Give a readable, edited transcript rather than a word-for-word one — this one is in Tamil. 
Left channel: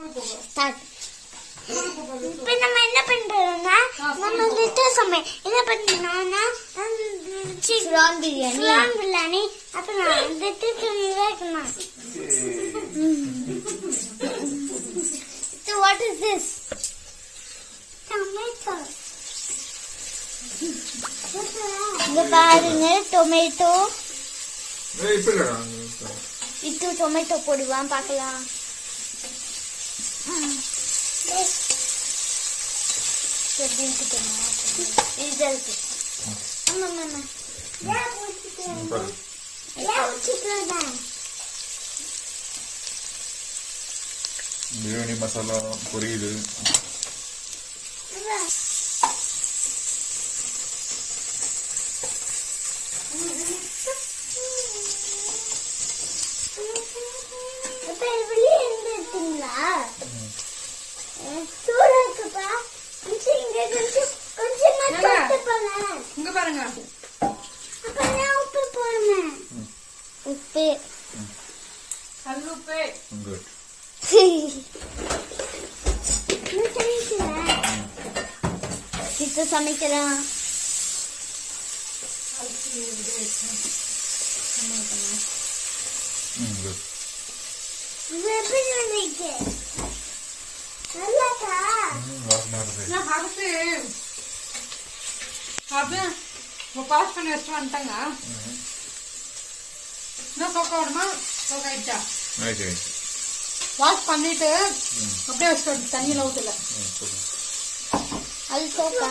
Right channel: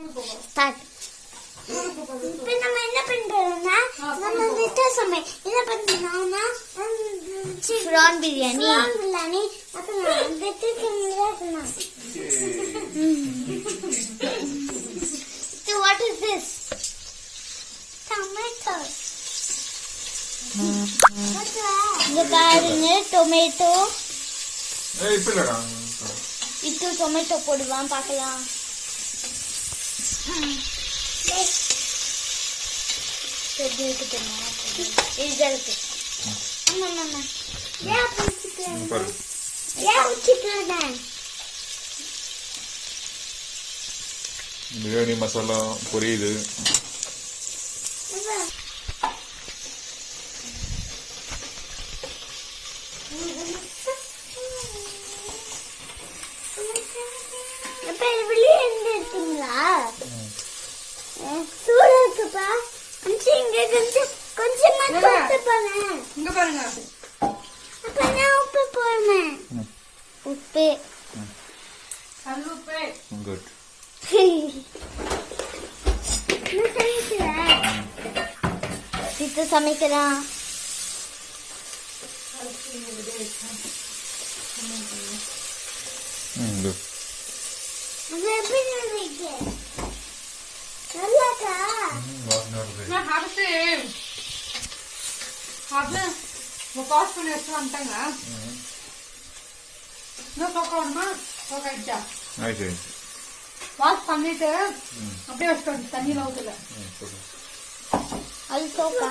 ஸ்டார்ட். இப்போ நம்ம என்ன பண்றோம்னா நம்ம வந்துட்டு என்ன பண்ணோம்னா ப்ரான் பிரியாணி அப்புறம் வந்துட்டு வைக்கணும். So what is this? Tomato. இங்க பாருங்க டொமேட்டோ. இது டொமேட்டோ போடுவான் பார்க்கலாம். எப்படி இருக்கு தெரியுமா? இருக்கு. ஆமா. பிரியாணி மசாலா புரியுது. உப்பு சித்து சமைக்கலாம். வாஷ் பண்ணி வச்சுட்டு வந்துட்டாங்க. வாஷ் பண்ணிட்டு அப்படியே வச்சுட்டு தண்ணியில ஊற்றல. அது சோப்பா